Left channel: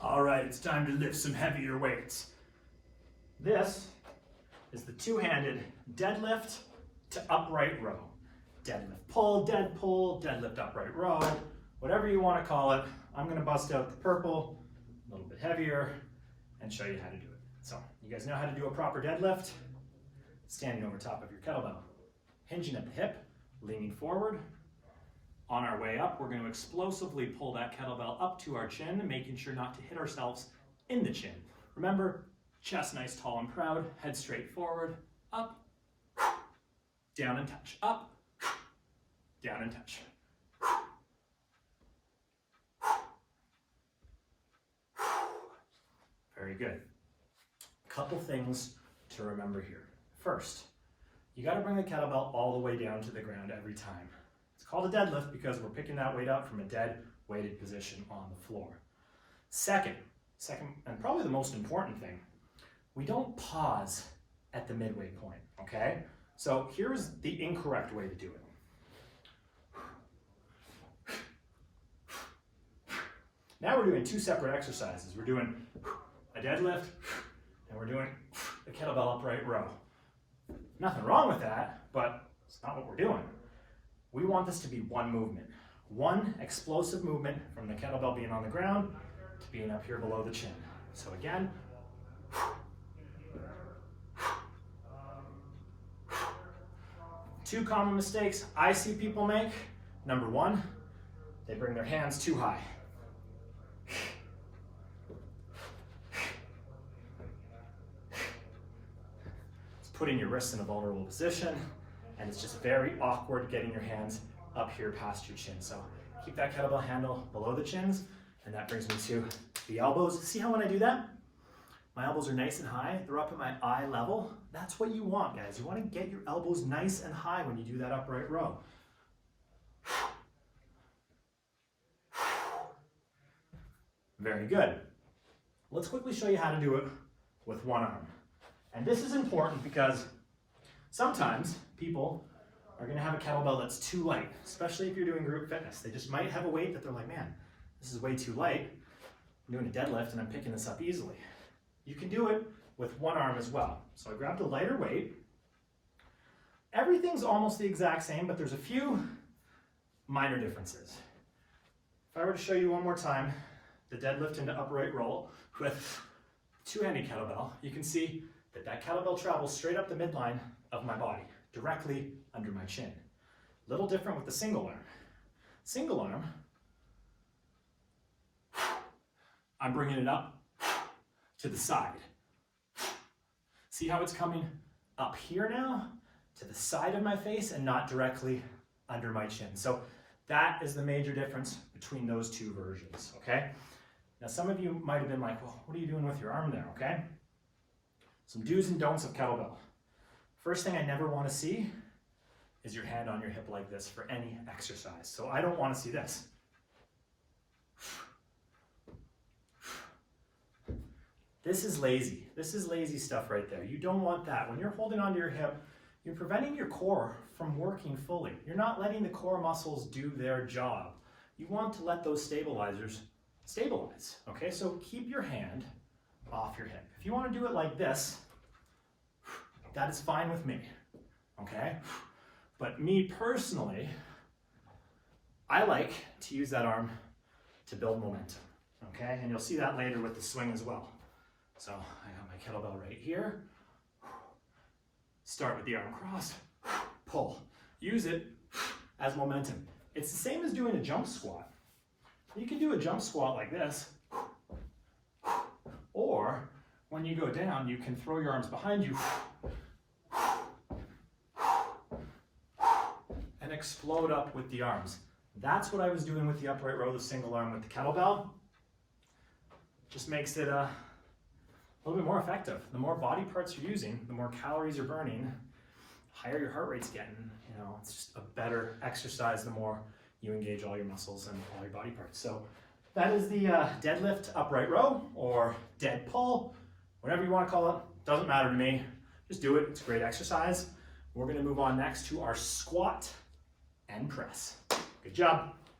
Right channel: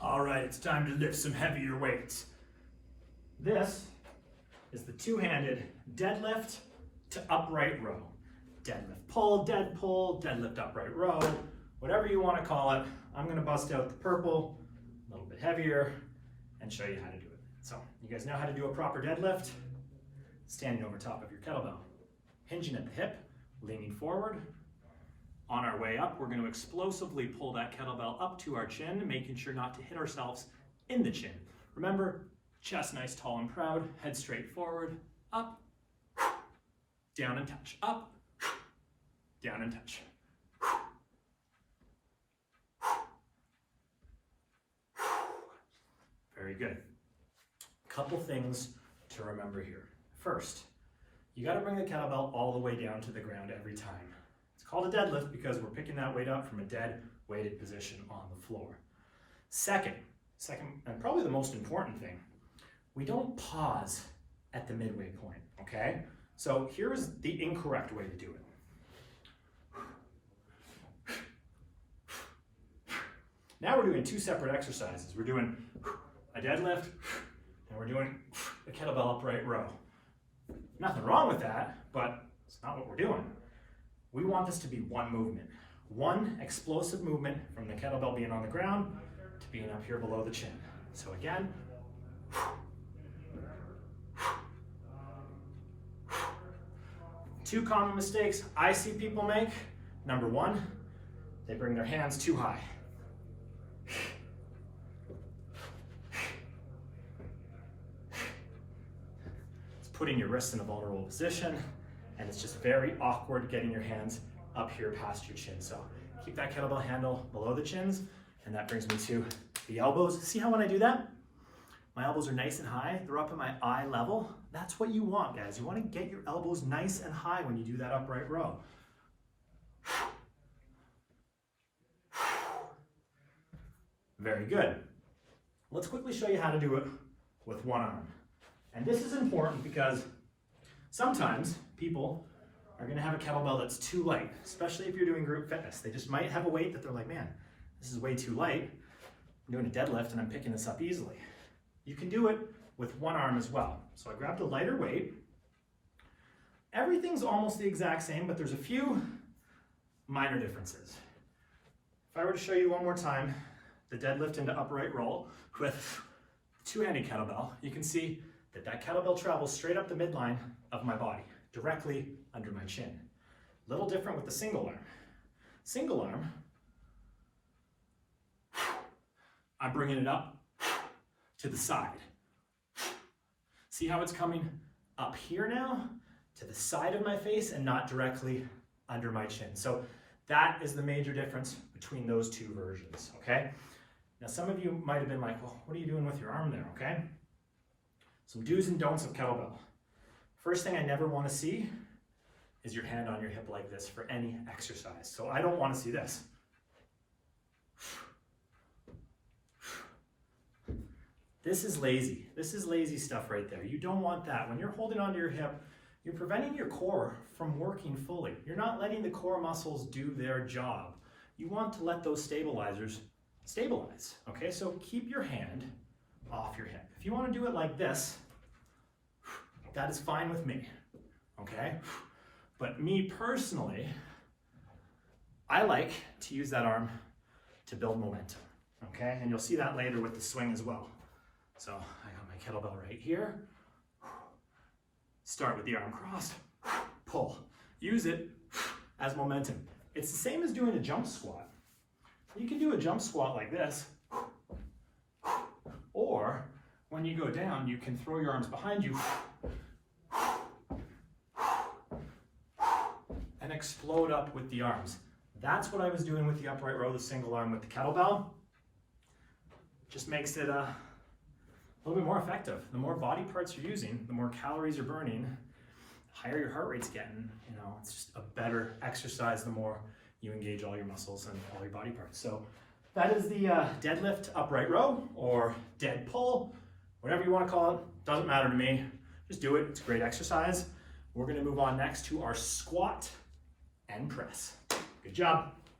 All right, it's time to lift some heavier weights. This is the two-handed deadlift to upright row. Deadlift pull, deadlift upright row, whatever you want to call it. I'm going to bust out the purple, a little bit heavier, and show you how to do it. So, you guys know how to do a proper deadlift? Standing over top of your kettlebell, hinging at the hip, leaning forward. On our way up, we're going to explosively pull that kettlebell up to our chin, making sure not to hit ourselves in the chin. Remember, chest nice, tall, and proud, head straight forward, up, down and touch, up, down and touch. Very good. Couple things to remember here. First, you got to bring the kettlebell all the way down to the ground every time. It's called a deadlift because we're picking that weight up from a dead weighted position on the floor. Second, and probably the most important thing, we don't pause at the midway point, okay? So here's the incorrect way to do it. Now we're doing two separate exercises. We're doing a deadlift and we're doing a kettlebell upright row. Nothing wrong with that, but it's not what we're doing. We want this to be one movement, one explosive movement from the kettlebell being on the ground to being up here below the chin. So again, two common mistakes I see people make. Number one, they bring their hands too high. It's putting your wrists in a vulnerable position, and it's just very awkward getting your hands up here past your chin. So keep that kettlebell handle below the chins, and that brings me to the elbows. See how when I do that, my elbows are nice and high, they're up at my eye level. That's what you want, guys. You want to get your elbows nice and high when you do that upright row. Very good. Let's quickly show you how to do it with one arm. And this is important because sometimes people are going to have a kettlebell that's too light, especially if you're doing group fitness. They just might have a weight that they're like, man, this is way too light. I'm doing a deadlift and I'm picking this up easily. You can do it with one arm as well. So I grabbed a lighter weight. Everything's almost the exact same, but there's a few minor differences. If I were to show you one more time, the deadlift into upright roll with two-handed kettlebell, you can see that that kettlebell travels straight up the midline of my body, directly under my chin. A little different with the single arm. Single arm, I'm bringing it up to the side. See how it's coming up here now to the side of my face and not directly under my chin. So that is the major difference between those two versions, okay? Now some of you might have been like, well, what are you doing with your arm there, okay? Some do's and don'ts of kettlebell. First thing I never want to see is your hand on your hip like this for any exercise. So I don't want to see this. This is lazy. This is lazy stuff right there. You don't want that. When you're holding onto your hip, you're preventing your core from working fully. You're not letting the core muscles do their job. You want to let those stabilizers stabilize, okay? So keep your hand off your hip. If you want to do it like this, that is fine with me, okay? But me personally, I like to use that arm to build momentum, okay? And you'll see that later with the swing as well. So I got my kettlebell right here. Start with the arm crossed, pull. Use it as momentum. It's the same as doing a jump squat. You can do a jump squat like this, or when you go down, you can throw your arms behind you and explode up with the arms. That's what I was doing with the upright row, the single arm with the kettlebell. Just makes it a little bit more effective. The more body parts you're using, the more calories you're burning, the higher your heart rate's getting. You know, it's just a better exercise the more you engage all your muscles and all your body parts. So that is the deadlift upright row, or dead pull, whatever you want to call it. Doesn't matter to me. Just do it. It's a great exercise. We're going to move on next to our squat and press. Good job.